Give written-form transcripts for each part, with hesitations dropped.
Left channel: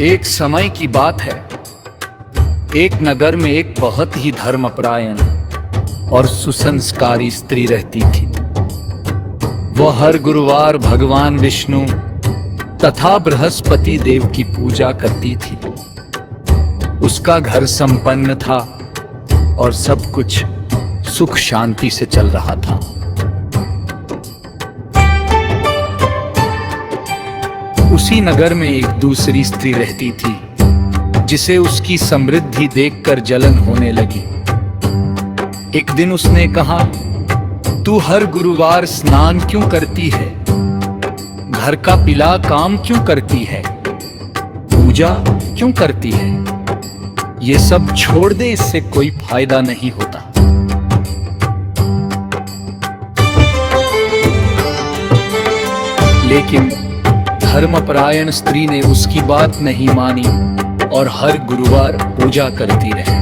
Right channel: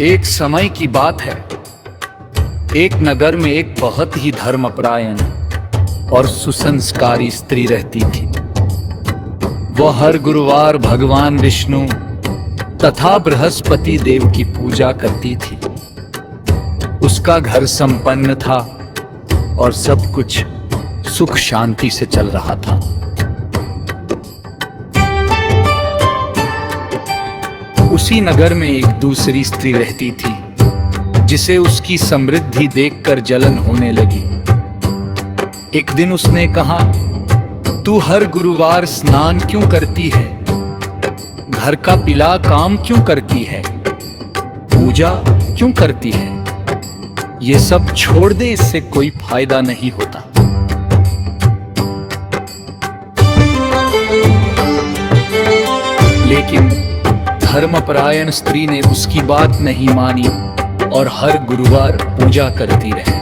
एक समय की बात है। एक नगर में एक बहुत ही धर्मपरायण और सुसंस्कारी स्त्री रहती थी। वह हर गुरुवार भगवान विष्णु तथा बृहस्पति देव की पूजा करती थी। उसका घर संपन्न था और सब कुछ सुख शांति से चल रहा था। उसी नगर में एक दूसरी स्त्री रहती थी जिसे उसकी समृद्धि देखकर जलन होने लगी। एक दिन उसने कहा, तू हर गुरुवार स्नान क्यों करती है? घर का पीला काम क्यों करती है? पूजा क्यों करती है? ये सब छोड़ दे, इससे कोई फायदा नहीं होता। लेकिन धर्मपरायण स्त्री ने उसकी बात नहीं मानी और हर गुरुवार पूजा करती रही।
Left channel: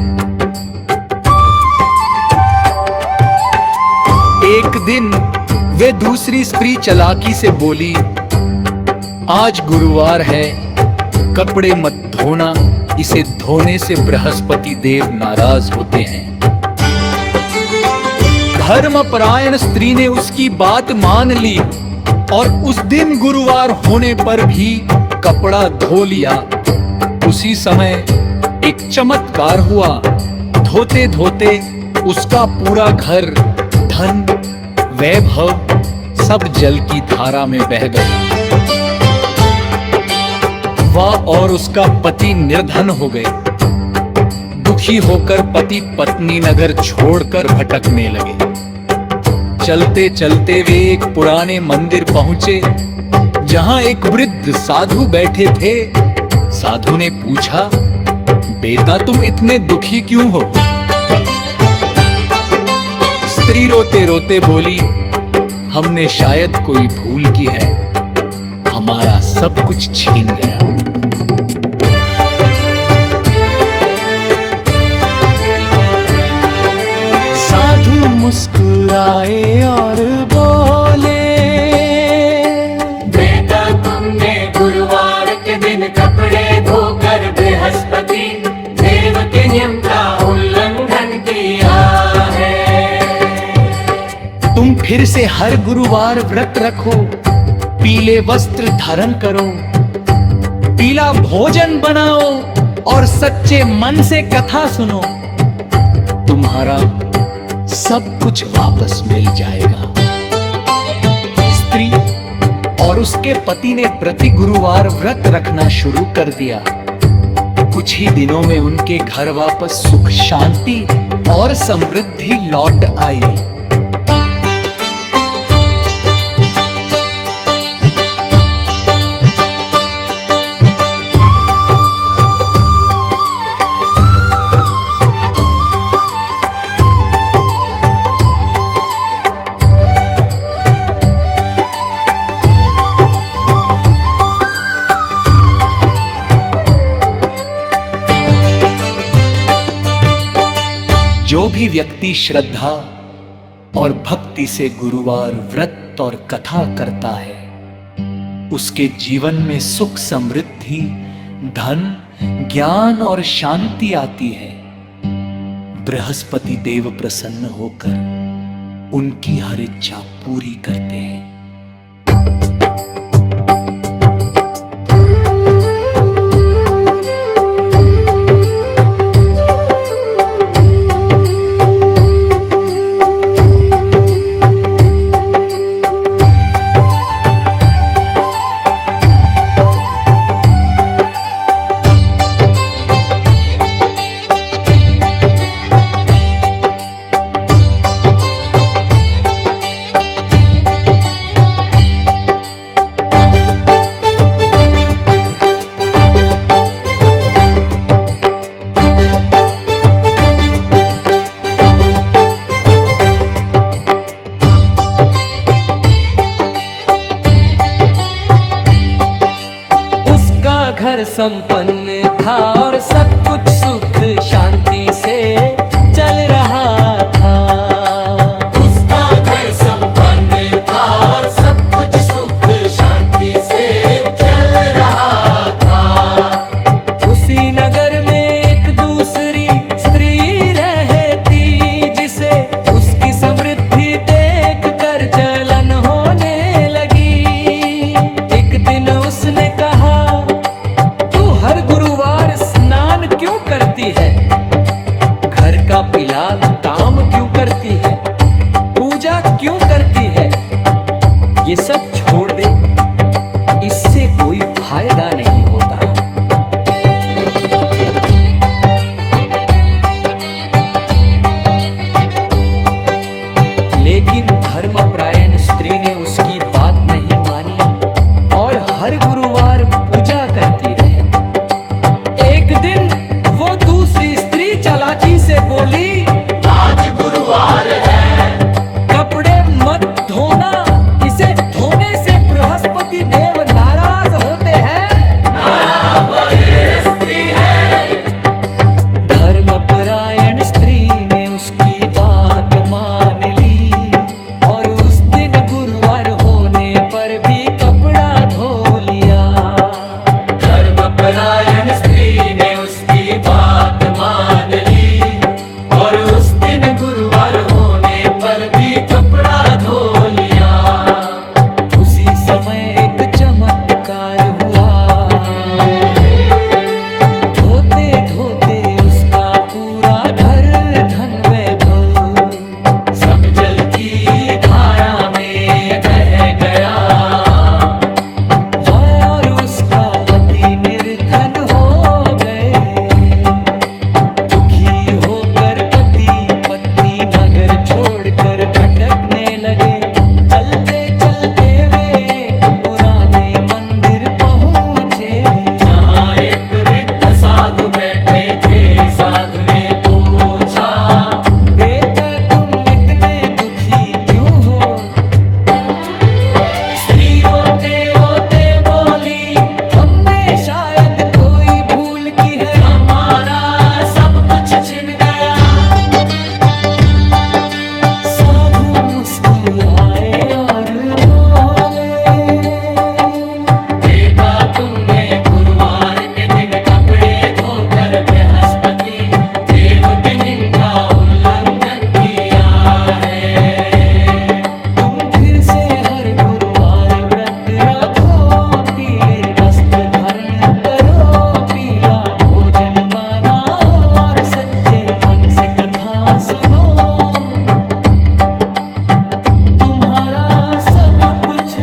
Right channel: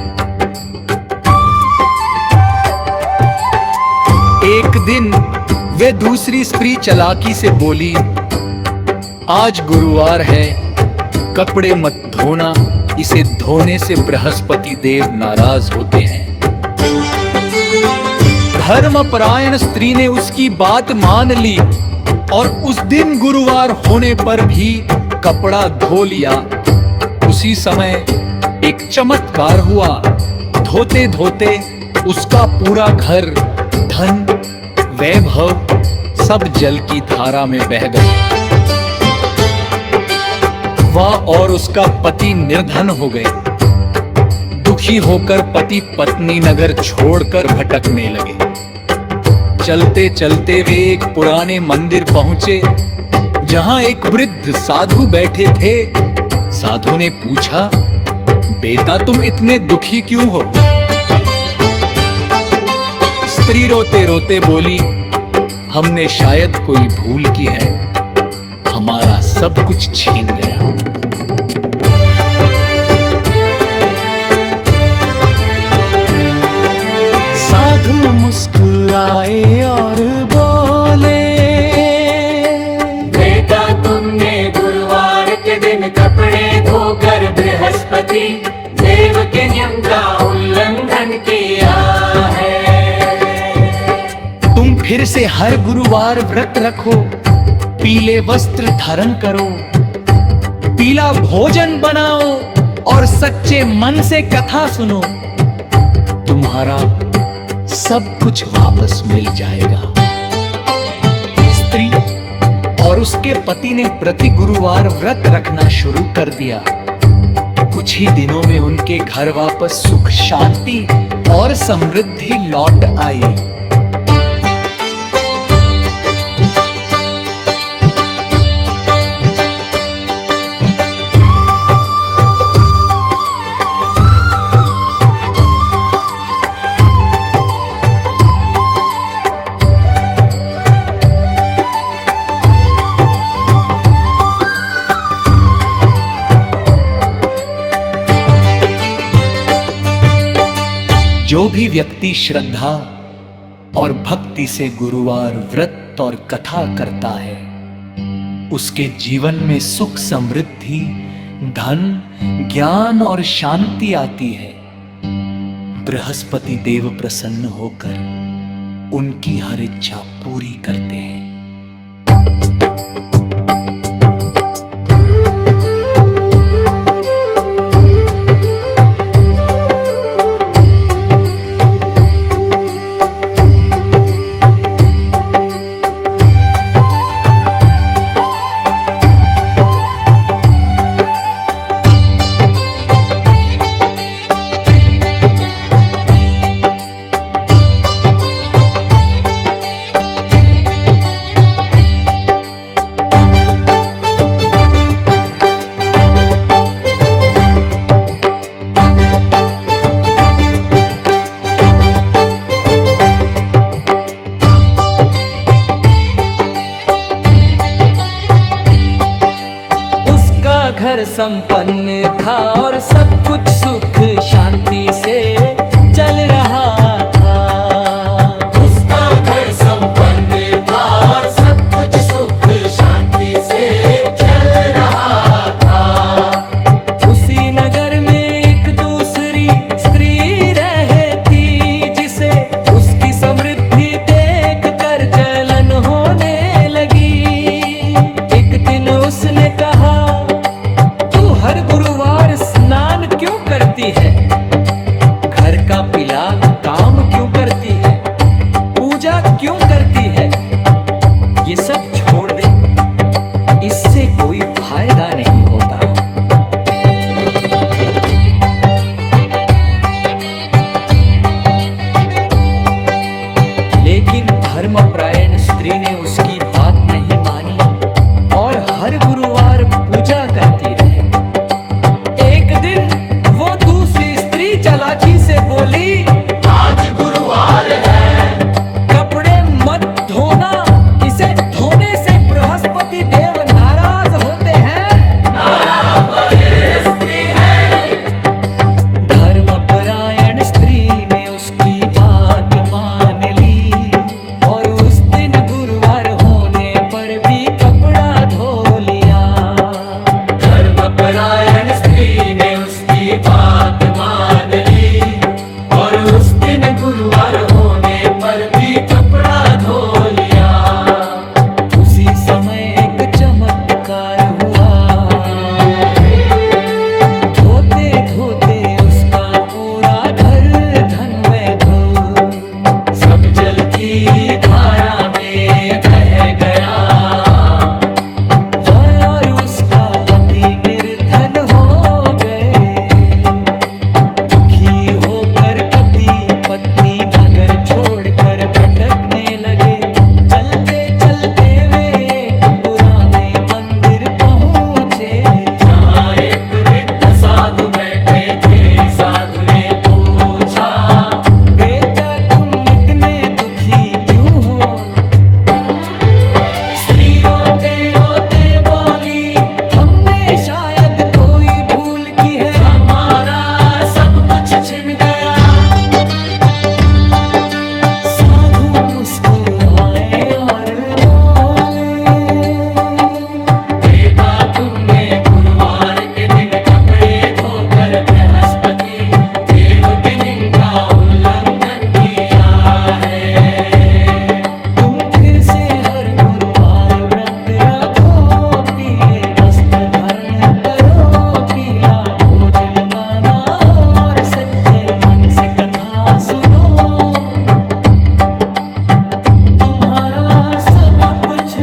एक दिन वे दूसरी स्त्री चालाकी से बोली, आज गुरुवार है, कपड़े मत धोना, इसे धोने से बृहस्पति देव नाराज होते हैं। धर्मपरायण स्त्री ने उसकी बात मान ली और उस दिन गुरुवार होने पर भी कपड़ा धो लिया। उसी समय एक चमत्कार हुआ। धोते धोते उसका पूरा घर, धन, वैभव सब जल की धारा में बह गए। वह और उसका पति निर्धन हो गए। दुखी होकर पति पत्नी नगर छोड़कर भटकने लगे। चलते चलते वे एक पुराने मंदिर पहुंचे जहां एक वृद्ध साधु बैठे थे। साधु ने पूछा, बेटा तुम इतने दुखी क्यों हो? स्त्री रोते रोते बोली, हमने शायद कोई भूल की है, हमारा सब कुछ छीन गया। साधु मुस्कुराए और बोले, बेटा तुमने गुरुवार के दिन कपड़े धोकर बृहस्पति देव के नियम का उल्लंघन किया है। तुम फिर से हर गुरुवार व्रत रखो, पीले वस्त्र धारण करो, पीला भोजन बनाओ और सच्चे मन से कथा सुनो। तुम्हारा सब कुछ वापस मिल जाएगा। स्त्री और उसके पति ने प्रति गुरुवार व्रत रखना शुरू कर दिया। कुछ ही दिनों में उनके घर वापस सुख शांति और समृद्धि लौट आई। जो भी व्यक्ति श्रद्धा और भक्ति से गुरुवार व्रत और कथा करता है, उसके जीवन में सुख समृद्धि, धन, ज्ञान और शांति आती है। बृहस्पति देव प्रसन्न होकर उनकी हर इच्छा पूरी करते हैं। उसका घर संपन्न था और सब कुछ सुख शांति से चल रहा था। उसका घर संपन्न था और सब कुछ सुख शांति से चल रहा था। नगर में एक दूसरी स्त्री रहती, जिसे उसकी समृद्धि देख कर जलन होने लगी। एक दिन उसने कहा, तू हर गुरुवार स्नान क्यों करती है? घर का पिला काम क्यों करती है? पूजा क्यों करती है? ये सब छोड़ दे, इससे कोई फायदा नहीं होता। लेकिन धर्मपरायण स्त्री ने उसकी बात नहीं मानी और हर गुरुवार पूजा करती रहे। एक दिन वो दूसरी स्त्री चालाकी से बोली, आज गुरुवार है, कपड़े मत धोना, इसे धोने से बृहस्पति देव नाराज होते हैं। धर्मपरायण स्त्री ने उसकी बात मान ली और उस दिन गुरुवार होने पर भी कपड़ा धो लिया। धर्मपरायण स्त्री ने उसकी बात मान ली और उस दिन गुरुवार होने पर भी कपड़ा धो लिया। उसी समय एक चमत्कार हुआ, धोते धोते उसका पूरा घर धन वैभव सब जल की धारा में बह गया। वह और उसका पति निर्धन हो गए। दुखी होकर पति पत्नी नगर छोड़कर भटकने लगे। चलते चलते वे एक पुराने मंदिर पहुँचे, जहाँ एक वृद्ध साधु बैठे थे। साधु ने पूछा, बेटा तुम इतने दुखी क्यों हो? स्त्री रोते रोते बोली, हमने शायद कोई भूल की है, हमारा सब कुछ छिन गया। साधु मुस्कुराए और बोले, बेटा तुमने गुरुवार के दिन कपड़े धोकर बृहस्पति देव के दिन का उल्लंघन किया है। तुम फिर से हर गुरुवार व्रत रखो, पीले वस्त्र धारण करो, पीला भोजन बनाओ और सच्चे मन से कथा सुनो। तुम्हारा सब कुछ